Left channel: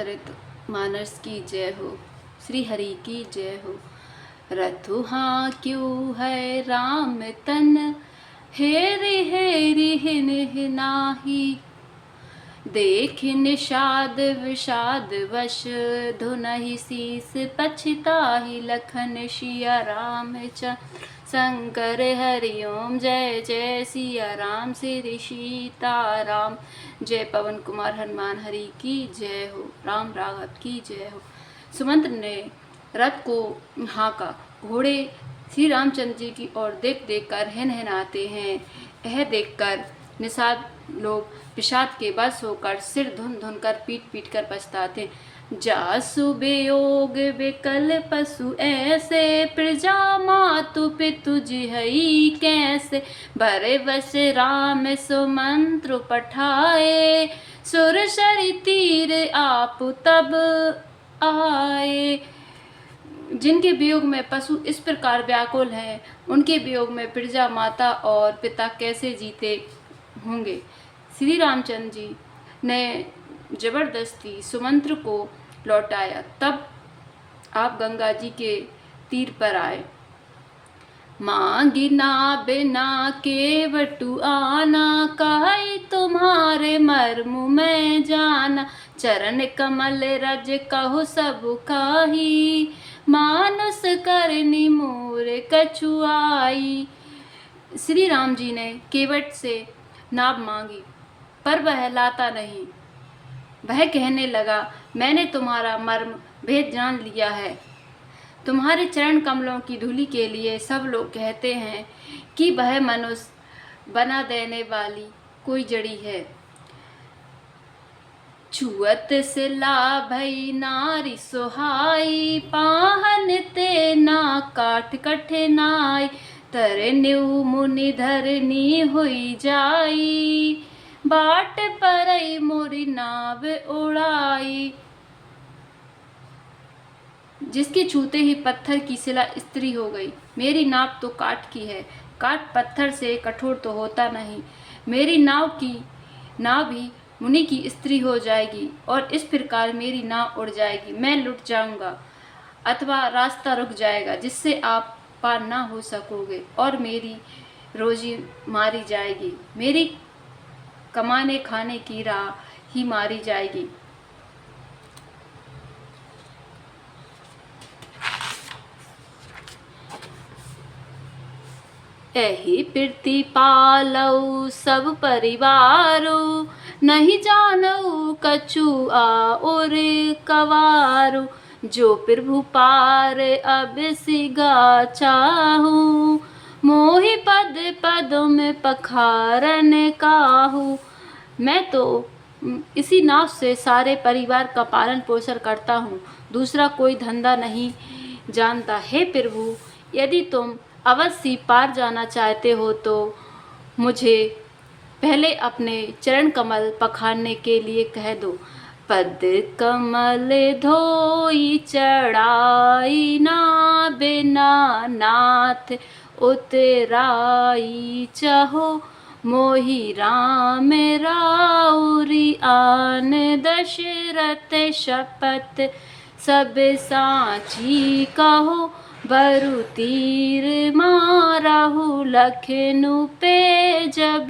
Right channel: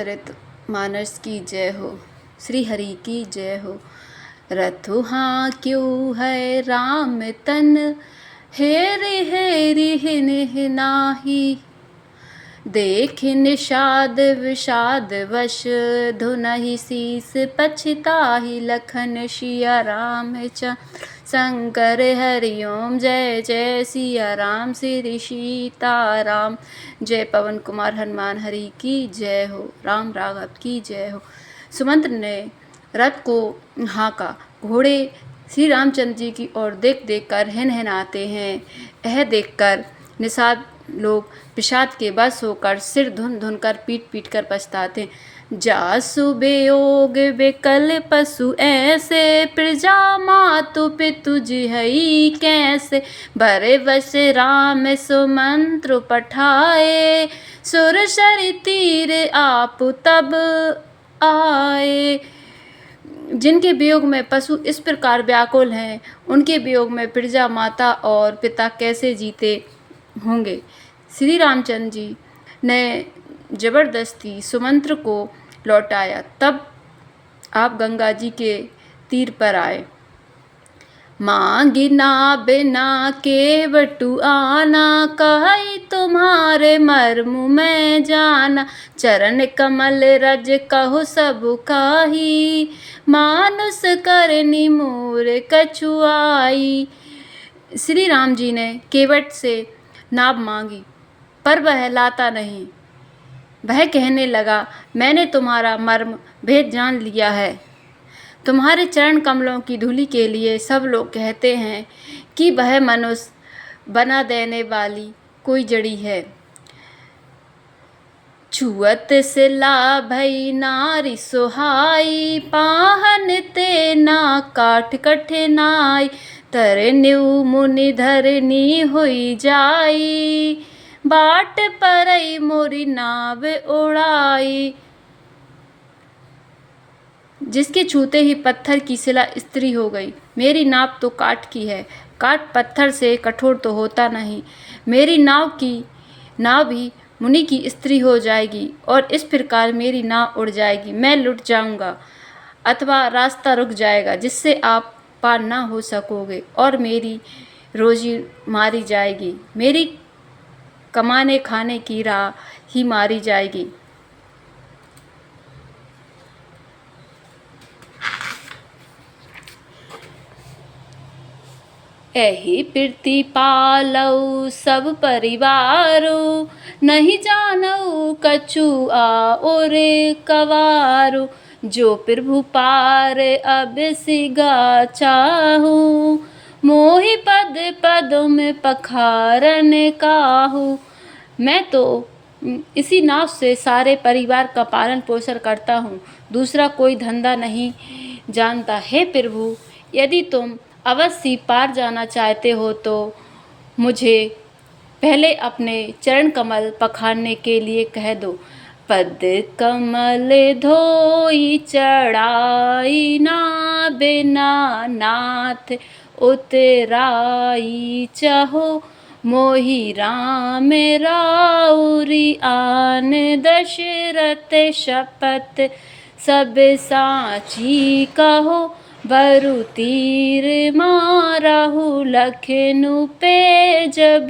चरित मानस की जय हो, श्री हरि की जय हो। रथु हाँ क्यों है राम तन, हेरि हेरि हिन नाही। देख निषाद विषाद वश, धुनहि शीस पछिताहि। लखन सिया रामचंद्र शंकर हरि ओम। जय जय सिया राम श्री सीताराम। जय पवन कुमार हनुमान हरि की जय हो, राम राघव की जय हो। सुमंत ने रथ को हाँका। घोड़े श्री रामचंद्र जी की ओर देख देख कर हिनहिनाते हैं। यह देखकर निषाद लोग विषाद के बस होकर सिर धुन धुन कर पीट पीट कर पछताते। जासु बेयोग बेकल पशु ऐसे, प्रजा मातु पितु जिहई कैसे। भरे वश राम सुमंत्र पठाए, सुर सरि तीर आप तब आए। जिनके वियोग में पशु इस प्रकार व्याकुल हैं, उनके वियोग में प्रजा माता और पिता कैसे जीते होंगे। श्री रामचंद्र जी ने जबरदस्ती सुमंत्र को लौटाया। तब आप गंगा जी के तीर पर आए। मांगिना बिना केवटु आना, कहि तुम्हारे मर्म में जाना। चरण कमल रज कहु सब काही, मानस करनी मोर कछुआई। श्री राम जी ने केवट से नाव मांगी, पर वह लाता नहीं। वह कहने लगा, मैंने तुम्हारा मर्म भेद जान लिया है। तुम्हारे चरण कमलों की धूलि के लिए सब लोग कहते हैं कि वह मनुष्य बना देने वाली कोई जड़ी है। छुअत से लाभई नारी सुहाई, पाहन ते ना काठ कठिनाई। तरन्यु मुनि धरनी हुई जाई, बाट परई मोरी नाव उड़ाई। जिसके छूते ही पत्थर की शिला स्त्री हो गई। मेरी नाव तो काठ की है, काठ पत्थर से कठोर तो होता नहीं। मेरी नाव भी मुनि की स्त्री हो जाएगी, और इस प्रकार मेरी नाव उड़ जाएगी। मैं लुट जाऊंगा अथवा रास्ता रुक जाएगा, जिससे आप पार ना हो सकोगे, और मेरी रोजी मारी जाएगी। मेरी कमाने खाने की राह ही मारी जाएगी। एहि प्रीति पालऊ सब परिवारो, नहीं जानऊ कछु और कवारो। जो प्रभु पार अब सिगा चाहू, मोहि पद पद में पखारन काहू। मैं तो इसी नाव से सारे परिवार का पालन पोषण करता हूँ, दूसरा कोई धंधा नहीं जानता। हे प्रभु, यदि तुम अवश्य पार जाना चाहते हो तो मुझे पहले अपने चरण कमल पखारने के लिए कह दो। पद कमल धोई चढ़ाई, ना बिना नाथ उतराई। चाहो मोहि राम राउरी आन, दशरथ शपथ सब साची कहो। बरु तीर मारहु लखनऊ पे, जब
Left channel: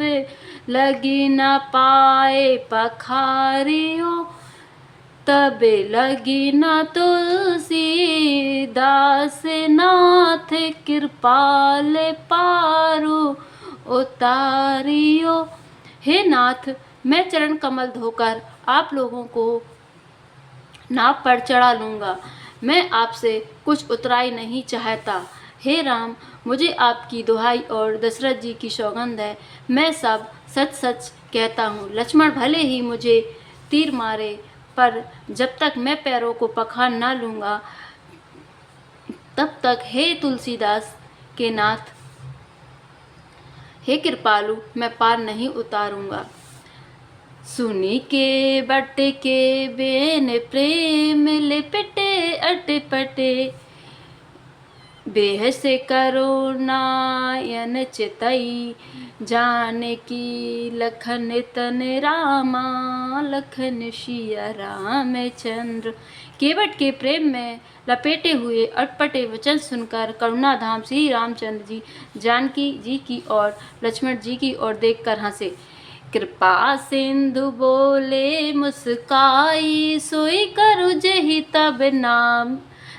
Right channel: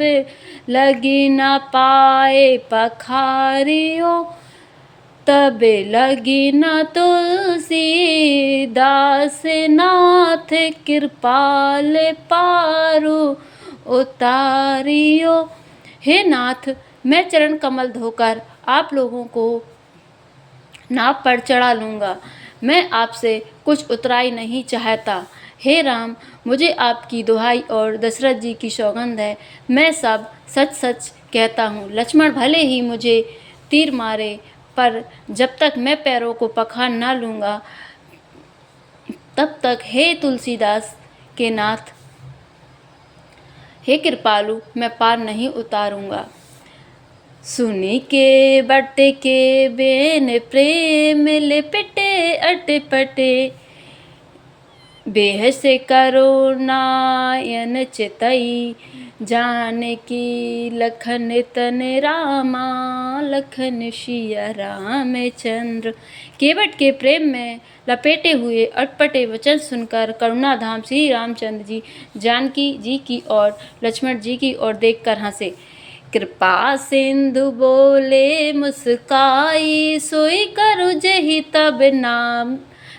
लगी न पाए पखारियो। तब लगी न तुलसी दास नाथ, कृपाल पारु उतारियो। हे नाथ, मैं चरण कमल धोकर आप लोगों को नाव पर चढ़ा लूँगा। मैं आपसे कुछ उतराई नहीं चाहता। हे राम, मुझे आपकी दुहाई और दशरथ जी की सौगंध है, मैं सब सच सच कहता हूँ। लक्ष्मण भले ही मुझे तीर मारे, पर जब तक मैं पैरों को पखार ना लूँगा, तब तक हे तुलसीदास के नाथ, हे कृपालु, मैं पार नहीं उतारूँगा। सुनी के बट के बेन, प्रेम लिपटे अटपटे। बेह से करो नायन चितई, जानकी लखन तन रामा, लखन सिया रामचंद्र। केवट के प्रेम में लपेटे हुए अटपटे वचन सुनकर करुणाधाम श्री रामचंद्र जी जानकी जी की और लक्ष्मण जी की ओर देखकर हंसे। कृपा सिंधु बोले मुस्काई, सोई करु जेहि तब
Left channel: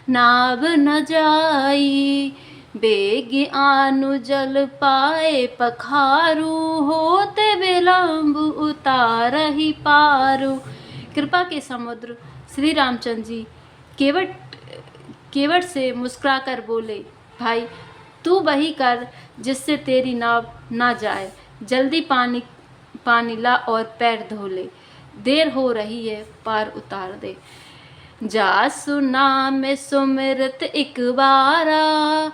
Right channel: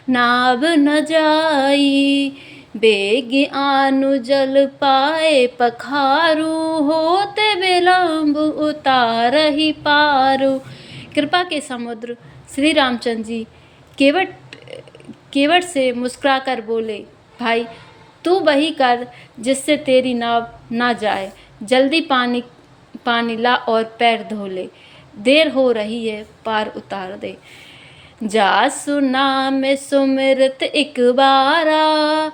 नाव न जाई। बेग आनु जल पाए पखारू, होते विलम्ब उतारहि पारू। कृपा के समुद्र श्री रामचंद्र जी केवट से मुस्कुराकर बोले, भाई तू वही कर जिससे तेरी नाव ना जाए। जल्दी पानी ला और पैर धो ले, देर हो रही है, पार उतार दे। जासु नाम सुमिरत एक बारा,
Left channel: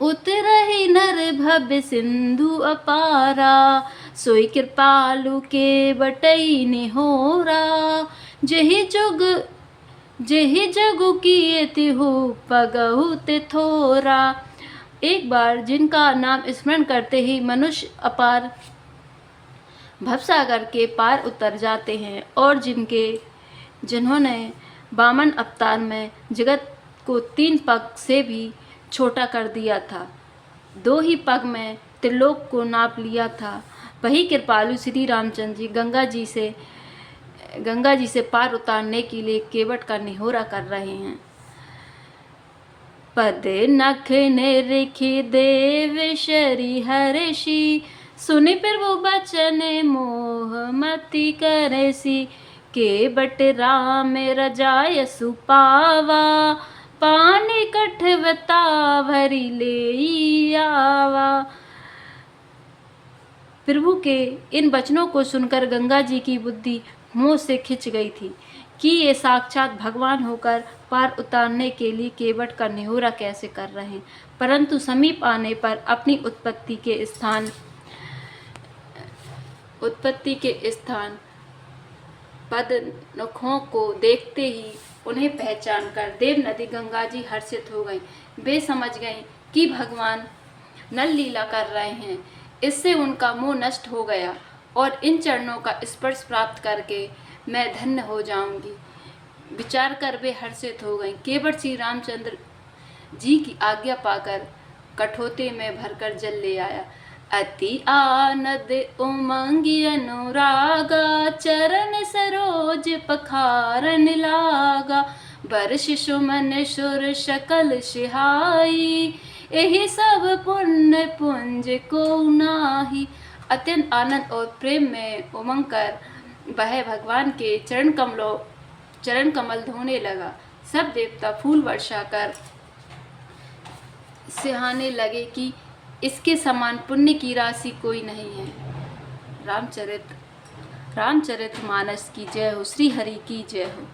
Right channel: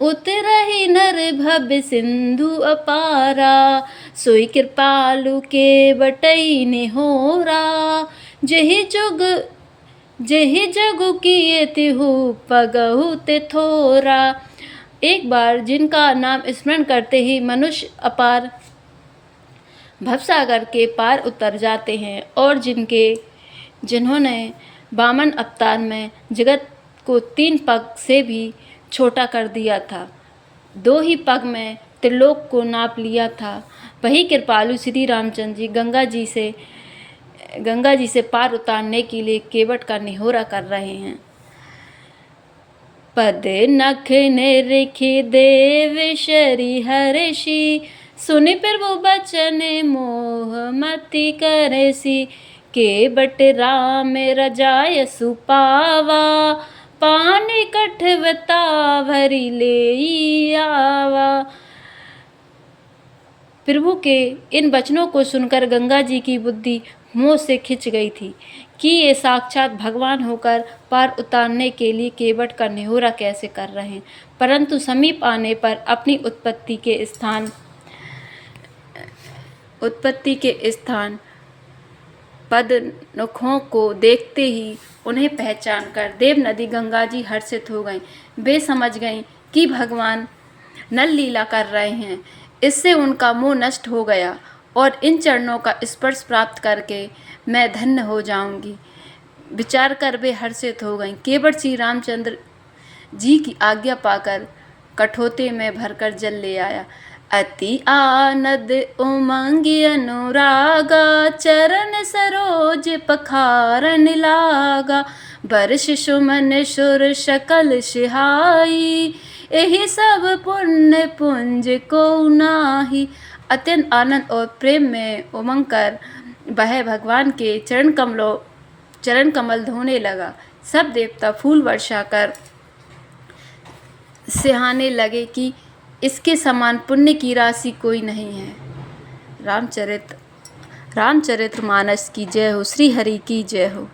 उतरहि नर भव सिंधु अपारा। सोई कृपालु के बटई निहोरा, जेहि जगु किए तिहु पगहु ते थोरा। एक बार जिनका नाम स्मरण करते ही मनुष्य अपार भवसागर के पार उतर जाते हैं, और जिन्होंने वामन अवतार में जगत को 3 पग से भी छोटा कर दिया था, 2 ही पग में त्रिलोक को नाप लिया था, वही कृपालु श्री रामचंद्र जी गंगा जी से पार उतारने के लिए केवट का निहोरा कर रहे हैं। पद नख निरखि देव श्री हर्षि, सुनि प्रभु बचन मोह मति करसि। केवट राम रजाय सुपावा, पानी कठवता भरी ले आवा। प्रभु के इन वचनों को सुनकर गंगा जी की बुद्धि मोह से खिंच गई थी कि ये साक्षात भगवान होकर पार उतारने के लिए केवट का निहोरा कैसे कर रहे हैं। परंतु समीप आने पर अपनी उत्पत्ति के स्थान पद नखों को देखते ही उन्हें पहचान कर देव नदी गंगा जी हर्षित हो गईं। वे समझ गईं कि भगवान नल लीला कर रहे हैं। इससे उनका मोह नष्ट हो गया और इन चरणों का स्पर्श प्राप्त करके मैं धन्य हो जाऊंगी विचार कर वे हर्षित हो गईं। केवट श्री रामचंद्र जी की आज्ञा पाकर कठोते में भरकर जल ले आया। अति आनंद उमंग अनुरागा, चरण सरोज पखारन लागा। वर्ष सुमन सुर सकल सिहाई, यही सब पुण्य पुंज को नाही। अत्यंत आनंद और प्रेम में उमंग कर वह भगवान के चरण कमल धोने लगा। सब देवता फूल वर्षा कर सिहाने लगे कि इसके समान पुण्य की राशि कोई नहीं है। रामचरितमानस की जय हो। श्री हरि की जय हो।